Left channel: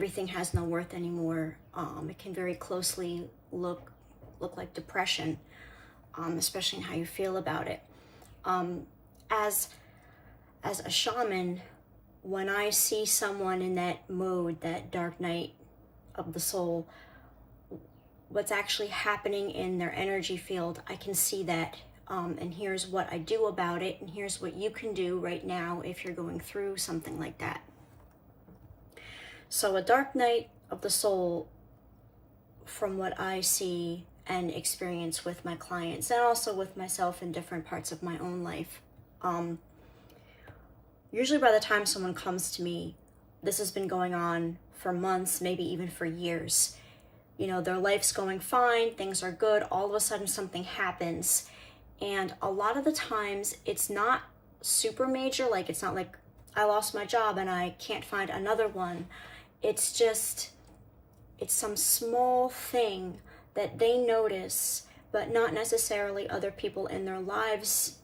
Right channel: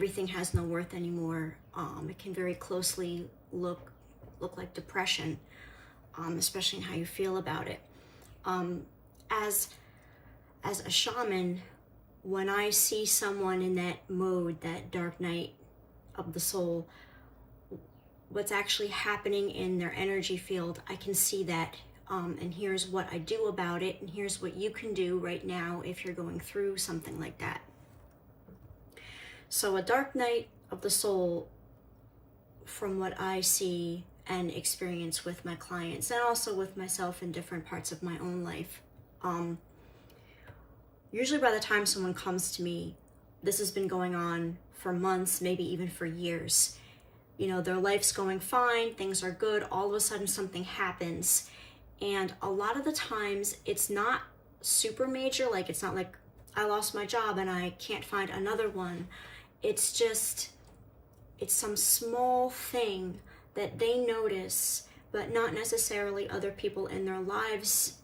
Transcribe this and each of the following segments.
everything has no worth anymore. It can very closely look like depression, especially in how you feel about it. As a shaman, when I see someone in that mode, that dark night of the soul, what's actually happening in their energy field, I can see that. And here's what I do about it, and here's what you can do right now if you're going through something like that. So a dark night of the soul, from what I see and experience with my clients, and also with myself in different parts of my own life, usually by the time someone comes to me, this has been going on for months, maybe even for years. You know, their life's going fine, things are good, all of a sudden something happens. And a lot of the times it's not super major, like it's not like I lost my job and I can't find another one. It's just, it's some small thing that they notice, but not necessarily other people in their lives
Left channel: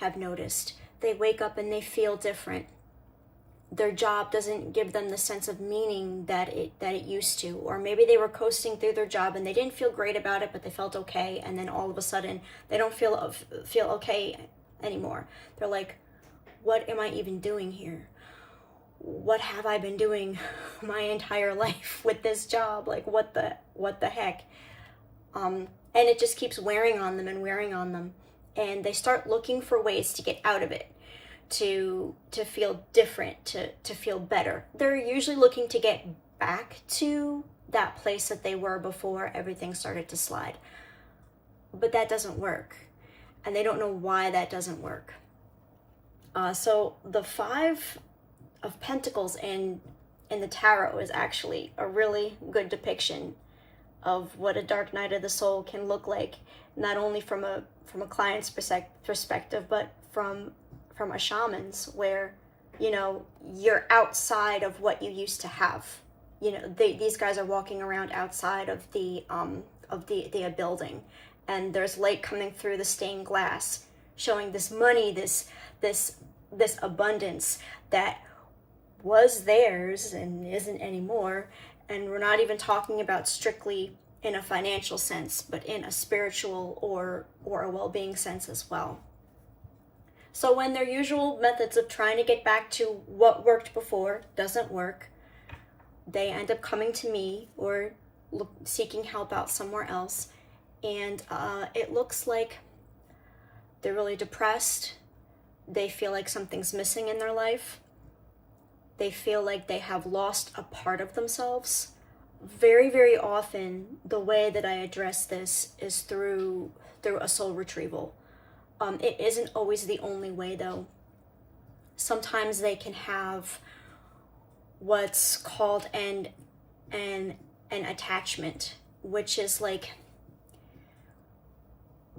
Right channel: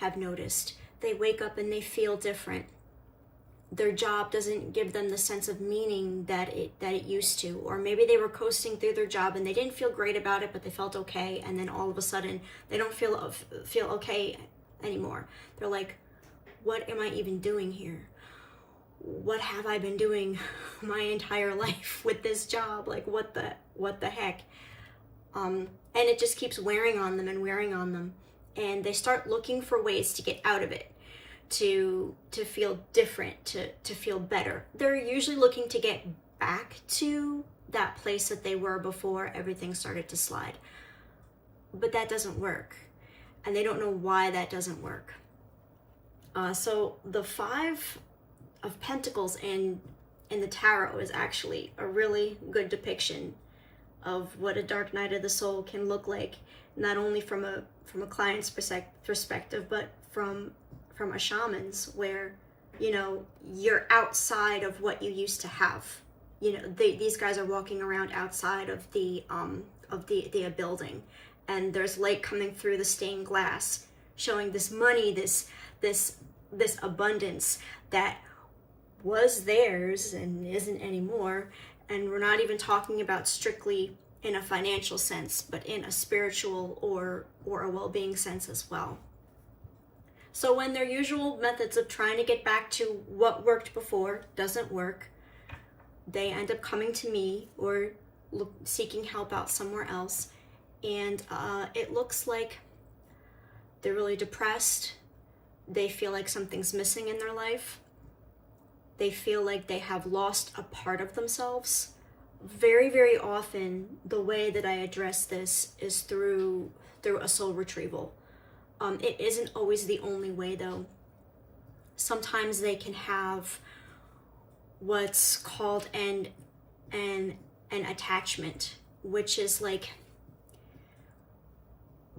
have noticed. They wake up and they feel different. Their job doesn't give them the sense of meaning that it used to. Or maybe they were coasting through their job and they didn't feel great about it, but they felt okay. And then all of a sudden they don't feel okay anymore. They're like, what am I even doing here? What have I been doing my entire life with this job? Like, what the heck? And it just keeps wearing on them and wearing on them. And they start looking for ways to get out of it, to feel different, to feel better. They're usually looking to get back to that place that they were before everything started to slide. But that doesn't work. And they don't know why that doesn't work. So the Five of Pentacles in the Tarot is actually a really good depiction of what a dark night of the soul can look like, not only from a client's perspective, but from a shaman's, where, you know, you're outside of what you used to have. You know, these guys are walking around outside of the building, and there's light coming through the stained glass, showing this money, this abundance that was theirs and isn't anymore. And we're not even talking about strictly in a financial sense, but in a spiritual or a well-being sense as well. So when their usual methods of trying to get back to what worked before doesn't work, they end up coming to me or seeking help out somewhere else. And it looks like they're really depressed. They feel like something's missing in their life. They feel like they have lost a part of themselves. Very, very often, the way that I address this is through a soul retrieval. It isn't always the only way, though. Sometimes they can have what's called an attachment, which is like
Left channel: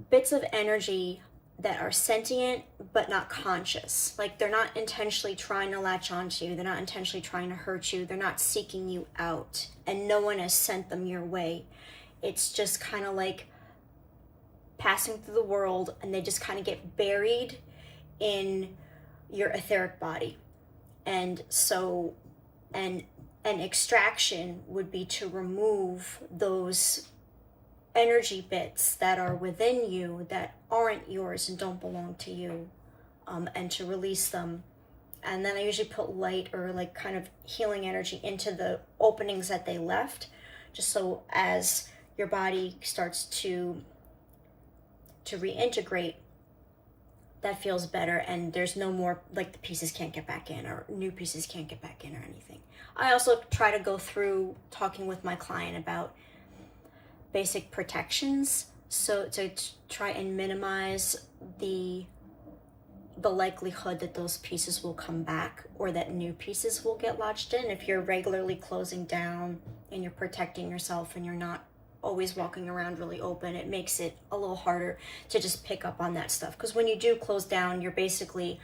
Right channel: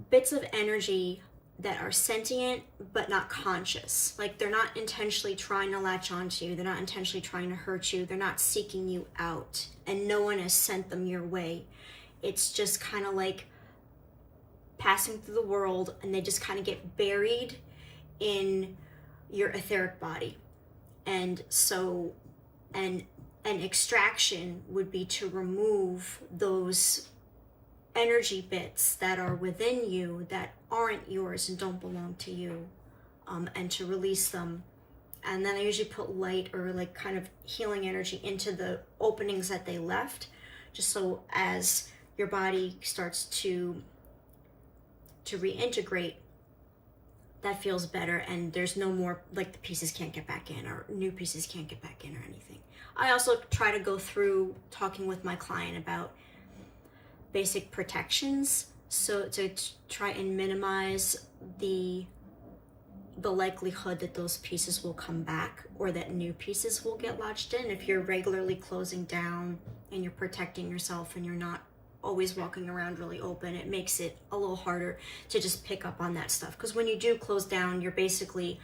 bits of energy that are sentient but not conscious. Like, they're not intentionally trying to latch onto you. They're not intentionally trying to hurt you. They're not seeking you out, and no one has sent them your way. It's just kind of like passing through the world, and they just kind of get buried in your etheric body. And so an extraction would be to remove those energy bits that are within you that aren't yours and don't belong to you, and to release them. And then I usually put light or like kind of healing energy into the openings that they left, just so as your body starts to reintegrate, that feels better, and there's no more, like, the pieces can't get back in, or new pieces can't get back in or anything. I also try to go through talking with my client about basic protections, so to try and minimize the likelihood that those pieces will come back, or that new pieces will get lodged in. If you're regularly closing down and you're protecting yourself and you're not always walking around really open, it makes it a little harder to just pick up on that stuff. Because when you do close down, you're basically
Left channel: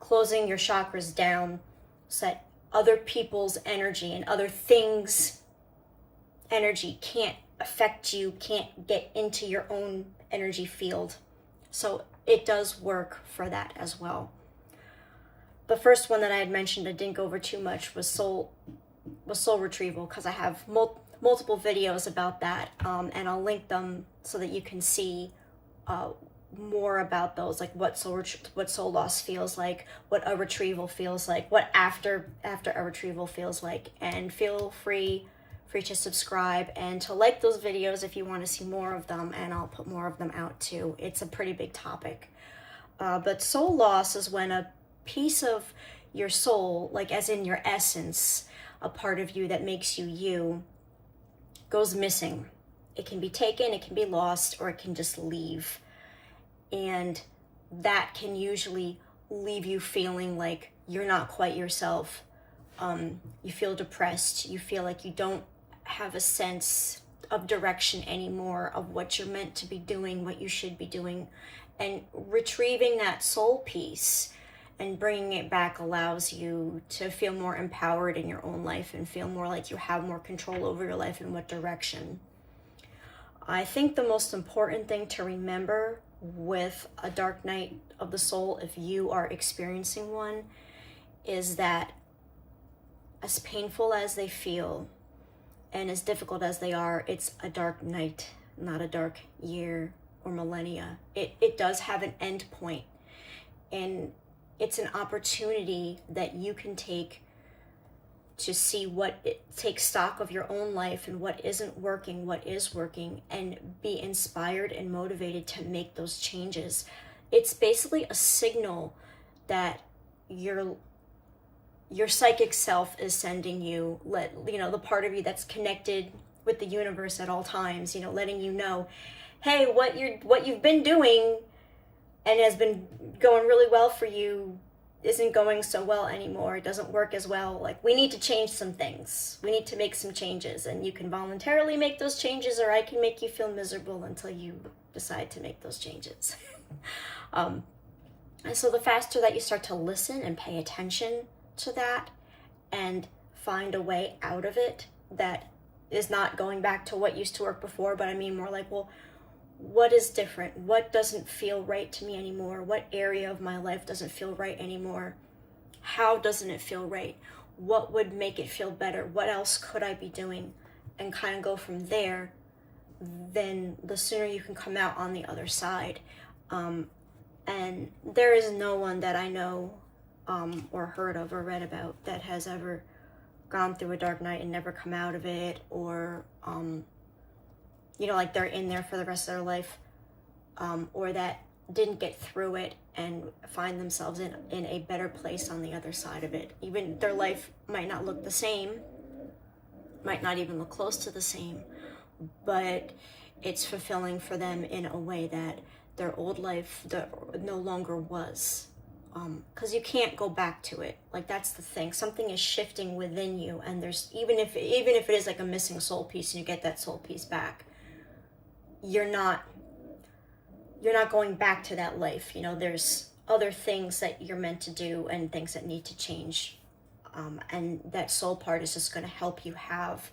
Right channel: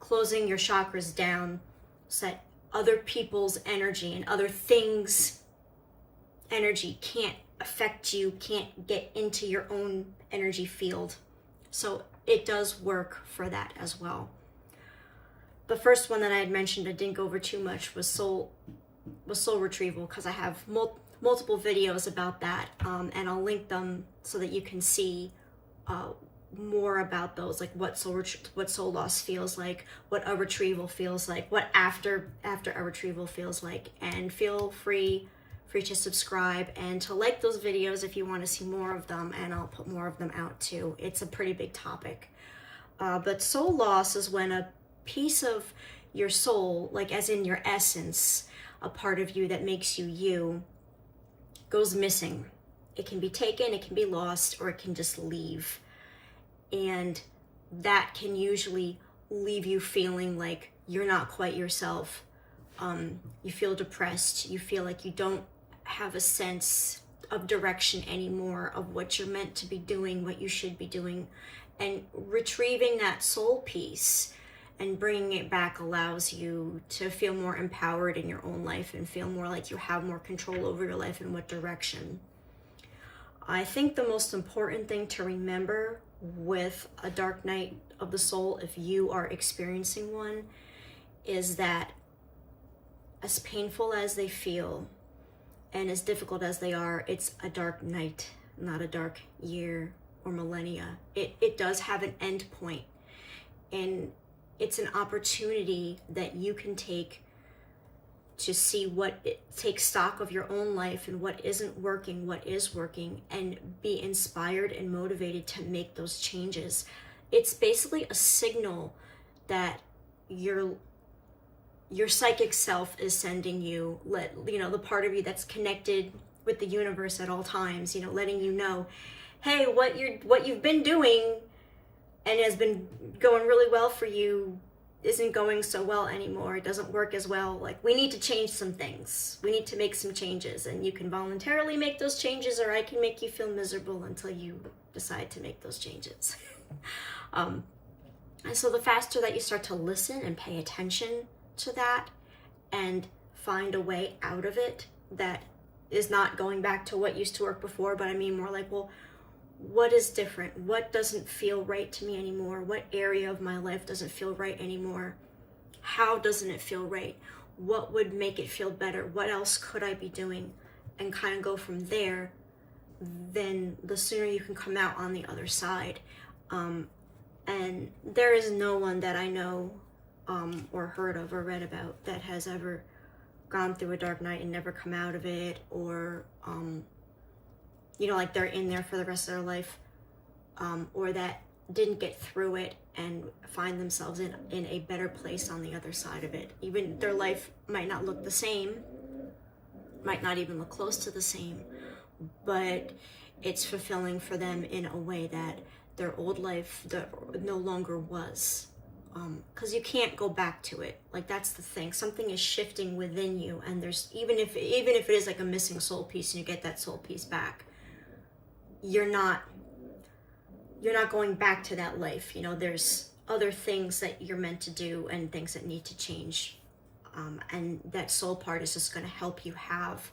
closing your chakras down so that other people's energy and other things' energy can't affect you, can't get into your own energy field. So it does work for that as well. The first one that I had mentioned, I didn't go over too much, was soul soul retrieval, because I have multiple videos about that, and I'll link them so that you can see more about those, like what soul loss feels like, what a retrieval feels like, what after a retrieval feels like. And feel free to subscribe and to like those videos if you want to see more of them, and I'll put more of them out too. It's a pretty big topic. But soul loss is when a piece of your soul, like as in your essence, a part of you that makes you you, goes missing. It can be taken, it can be lost, or it can just leave. And that can usually leave you feeling like you're not quite yourself. You feel depressed. You feel like you don't have a sense of direction anymore, of what you're meant to be doing, what you should be doing. And retrieving that soul piece and bringing it back allows you to feel more empowered in your own life and feel more like you have more control over your life and what direction. I think the most important thing to remember with a dark night of the soul, if you are experiencing one, is that as painful as they feel and as difficult as they are, it's a dark night, not a dark year or millennia. It does have an end point, and it's an opportunity that you can take to see take stock of your own life and what isn't working, what is working, and be inspired and motivated to make those changes. It's basically a signal that your psychic self is sending you, the part of you that's connected with the universe at all times, letting you know, hey, what you've been doing and has been going really well for you isn't going so well anymore. It doesn't work as well. Like, we need to change some things. We need to make some changes, and you can voluntarily make those changes, or I can make you feel miserable until you decide to make those changes. And so the faster that you start to listen and pay attention to that and find a way out of it that is not going back to what used to work before, but I mean more like, well, what is different? What doesn't feel right to me anymore? What area of my life doesn't feel right anymore? How doesn't it feel right? What would make it feel better? What else could I be doing? And kind of go from there, then the sooner you can come out on the other side. And there is no one that I know or heard of or read about that has ever gone through a dark night and never come out of it, or like they're in there for the rest of their life, or that didn't get through it and find themselves in a better place on the other side of it. Even their life might not look the same, might not even look close to the same, but it's fulfilling for them in a way that their old life no longer was. Because you can't go back to it. Like, that's the thing. Something is shifting within you, and there's even if it is like a missing soul piece and you get that soul piece back, you're not going back to that life. There's other things that you're meant to do and things that need to change. And that soul part is just going to help you have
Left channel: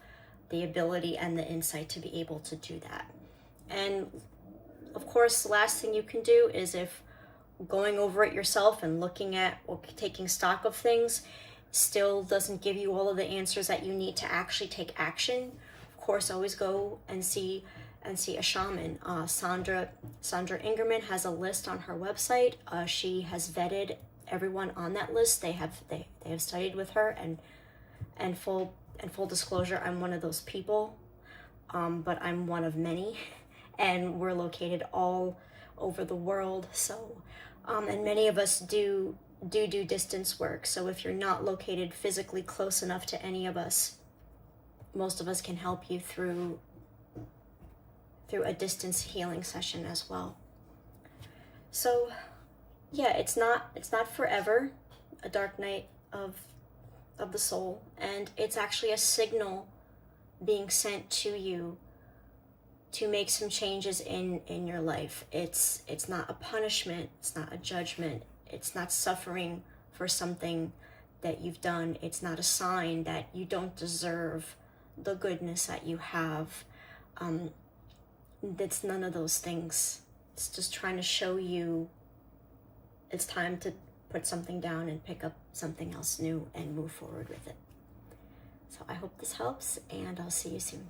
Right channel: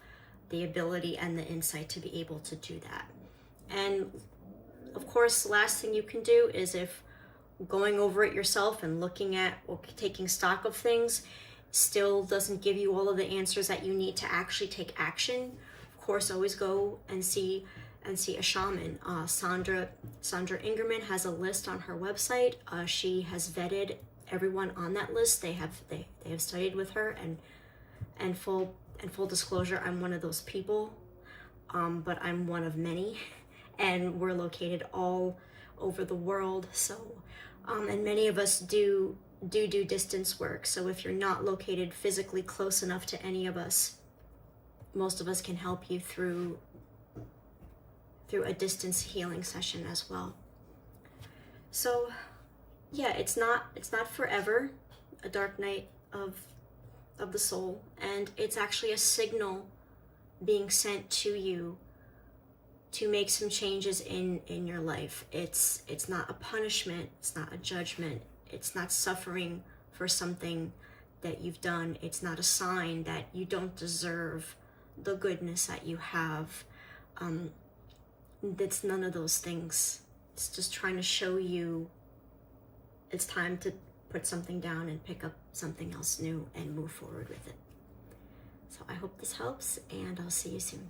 the ability and the insight to be able to do that. And of course, the last thing you can do is, if going over it yourself and looking at or taking stock of things still doesn't give you all of the answers that you need to actually take action, of course, always go and see a shaman. Sandra Ingerman has a list on her website. She has vetted everyone on that list. They have studied with her, and full disclosure, I'm one of those people, but I'm one of many, and we're located all over the world. So, and many of us do distance work. So if you're not located physically close enough to any of us, most of us can help you through a distance healing session as well. So yeah, it's not forever, a dark night of the soul, and it's actually a signal being sent to you to make some changes in your life. It's not a punishment, it's not a judgment, it's not suffering for something that you've done. It's not a sign that you don't deserve the goodness that you have. It's none of those things. It's just trying to show you it's time to put something down and pick up something else new and move forward with it. So I hope this helps, and I'll see you soon.